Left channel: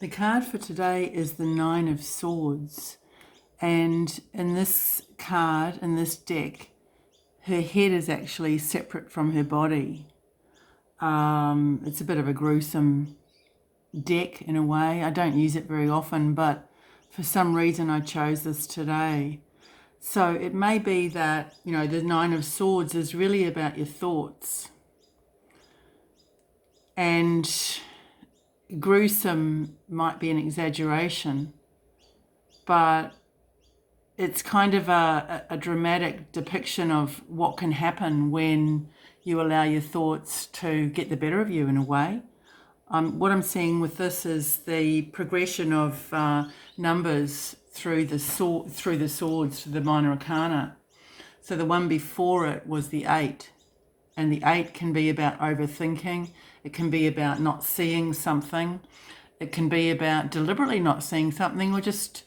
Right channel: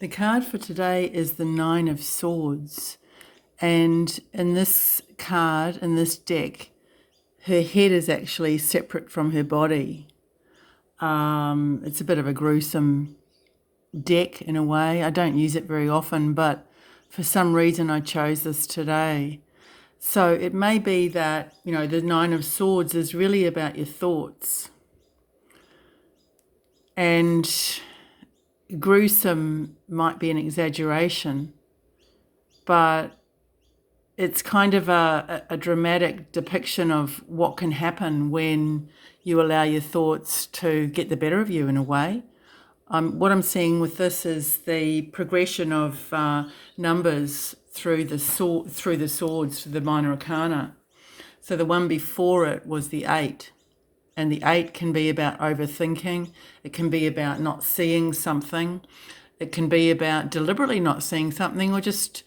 The card for today is the Nine of Swords. And in this card, in this deck, her head is actually separate from her body. It's a bit of a gruesome deck in a way. I don't use it very often, but for some reason I chose this today. So it may be that, the Nine of Swords is really about your thoughts. And gruesome might be an exaggeration, but it's kind of a dramatic depiction of what can happen when you allow your thoughts to get the better of you in a way. What I'm seeing with this is the progression of numbers through the swords to the minor arcana. So the one before it was the 8, and the 8 can be about overthinking. It can be about not seeing something. It can be about deliberately not seeing something, or just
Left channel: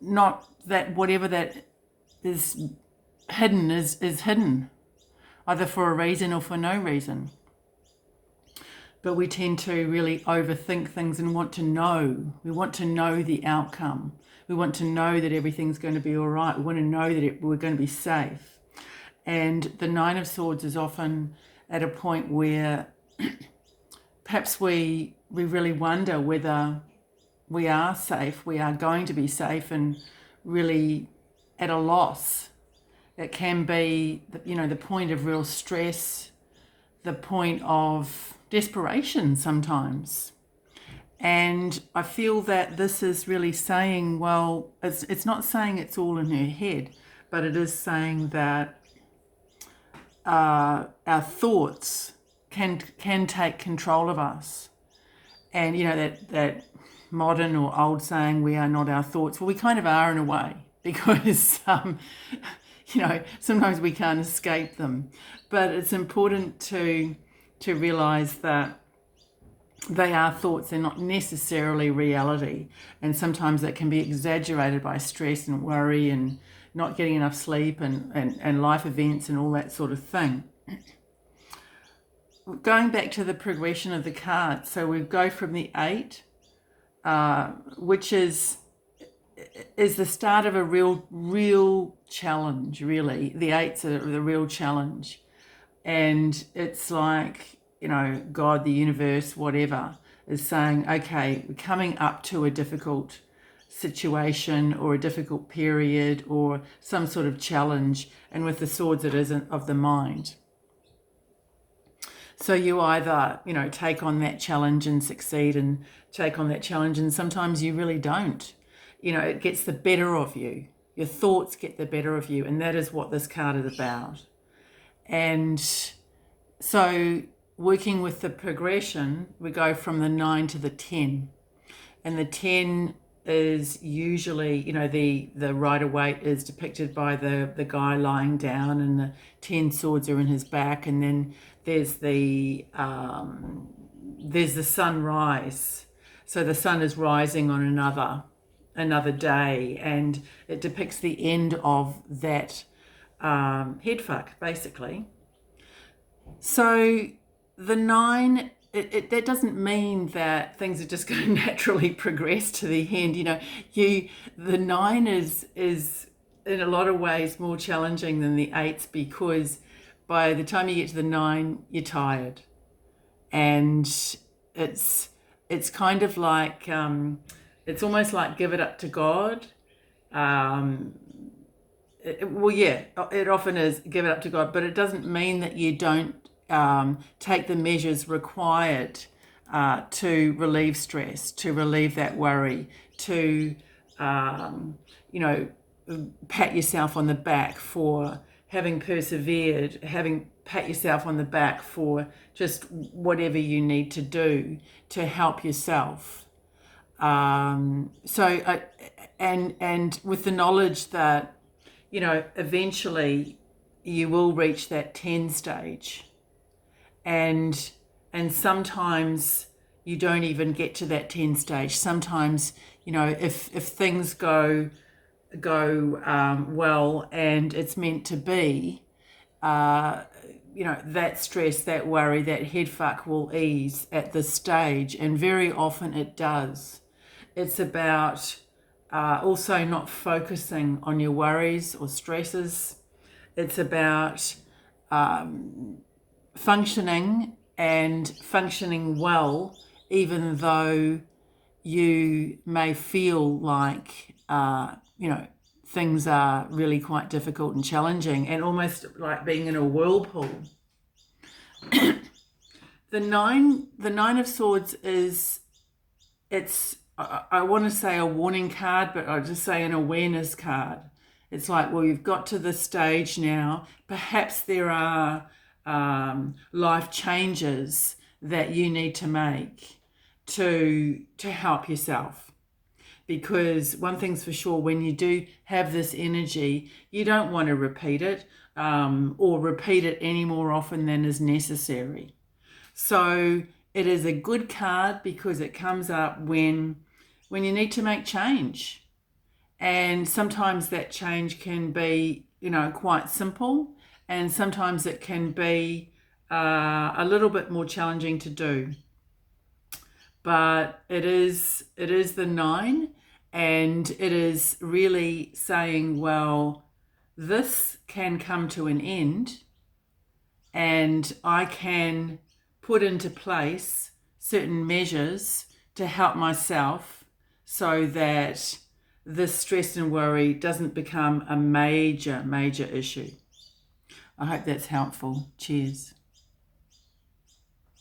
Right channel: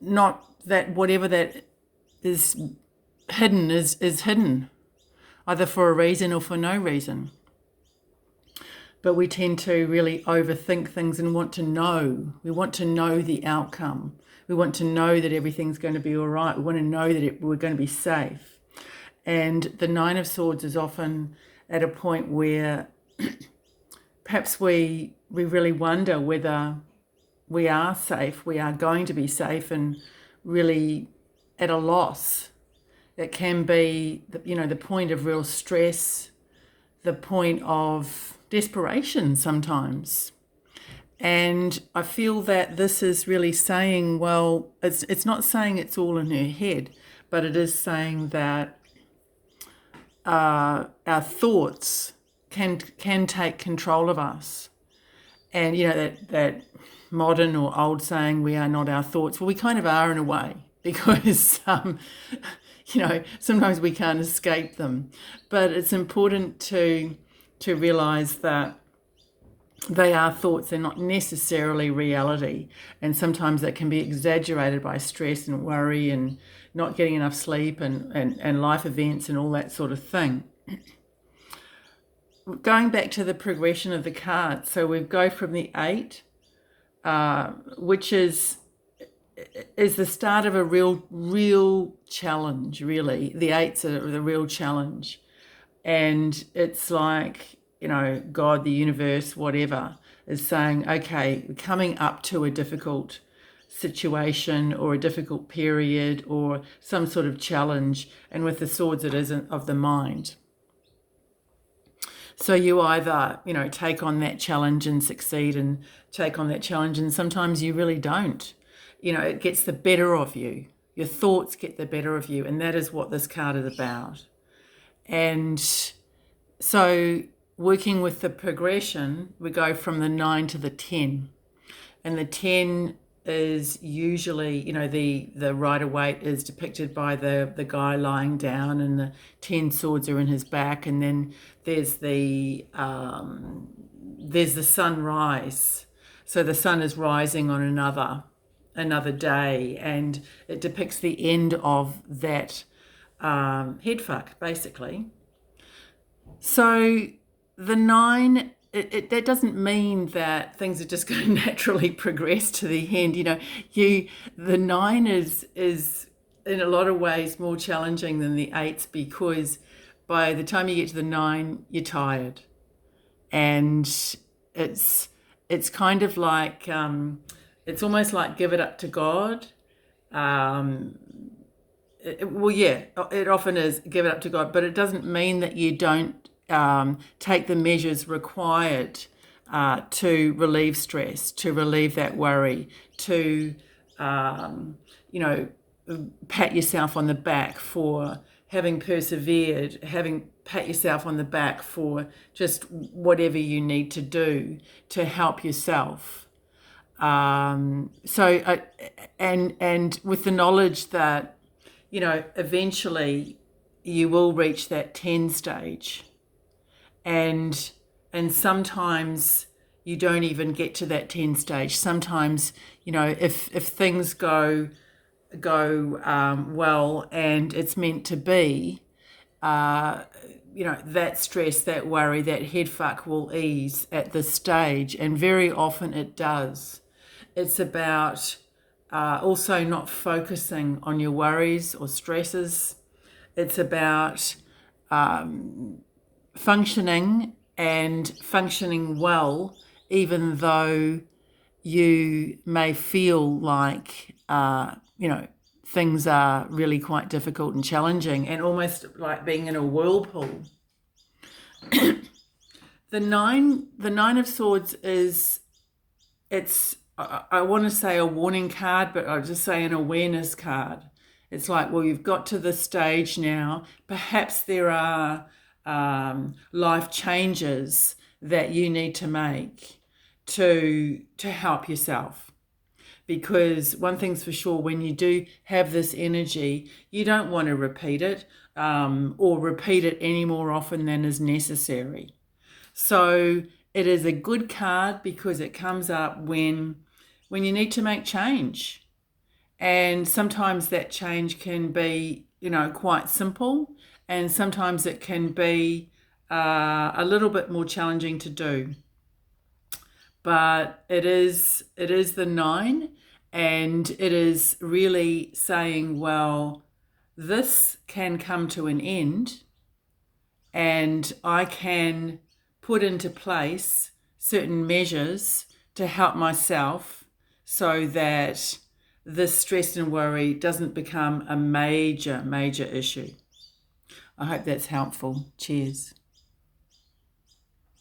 not that whatever that is hidden is hidden, either for a reason or for no reason. But we tend to really overthink things and want to know. We want to know the outcome. We want to know that everything's going to be all right. We want to know that we're going to be safe. And the Nine of Swords is often at a point where perhaps we really wonder whether we are safe, we are going to be safe, and really at a loss. It can be, the point of real stress, the point of desperation sometimes. And I feel that this is really saying, well, it's not saying it's all in her head, but it is saying that our thoughts can take control of us. And that modern or old saying, we are not our thoughts. Well, we kind of are in a way, because sometimes we can't escape them. But it's important to realize that they are thoughts, they're not necessarily reality. And sometimes that can be exaggerated by stress and worry and not getting enough sleep and life events and all that sort of thing. Going back to the progression of the cards, so we go from the 8, which is the start of a real challenge, really. The 8's are the real challenge. And it's like, God, the universe, whatever, is saying, okay, we're coming up to a difficult situation or a difficult period or some sort of challenge. And with the swords, it isn't of the mind. So you either, take on that challenge and succeed, and take on that challenge, and sometimes you really don't. It gets the better of you. Your thoughts get the better of you, and that is what this card is about. And so working with the progression, we go from the 9 to the 10. And the 10 is usually, the Rider-Waite is depicted by the guy lying down, and the 10 swords are in his back, and then there's the sunrise. So the sun is rising on another day, and it depicts the end of that headfuck, basically. So the 9, that doesn't mean that things are just going to naturally progress to the end. The 9 is in a lot of ways more challenging than the 8s, because by the time you get to the 9, you're tired, and it's kind of like it's almost like give it up to God. It often is give it up to God, but it doesn't mean that you don't take the measures required to relieve stress, to relieve that worry, to pat yourself on the back for having persevered, pat yourself on the back for just whatever you need to do to help yourself. And with the knowledge that, eventually you will reach that 10 stage. And sometimes you don't even get to that 10 stage. Sometimes, if things go well and it's meant to be, that stress, that worry, that head fuck will ease at this stage, and very often it does. It's about also not focusing on your worries or stresses. It's about functioning and functioning well, even though you may feel like, things are really quite difficult and challenging, and almost like being in a whirlpool. The nine of swords I want to say a warning card, but I'll just say an awareness card. It's like, well, you've got to this stage now. Perhaps there are life changes that you need to make to help yourself. Because one thing's for sure, when you do have this energy, you don't want to repeat it or repeat it any more often than is necessary. So it is a good card because it comes up when you need to make change. And sometimes that change can be, quite simple, and sometimes it can be a little bit more challenging to do. But it is the 9, and it is really saying, well, this can come to an end, and I can put into place certain measures to help myself so that this stress and worry doesn't become a major issue. I hope that's helpful. Cheers.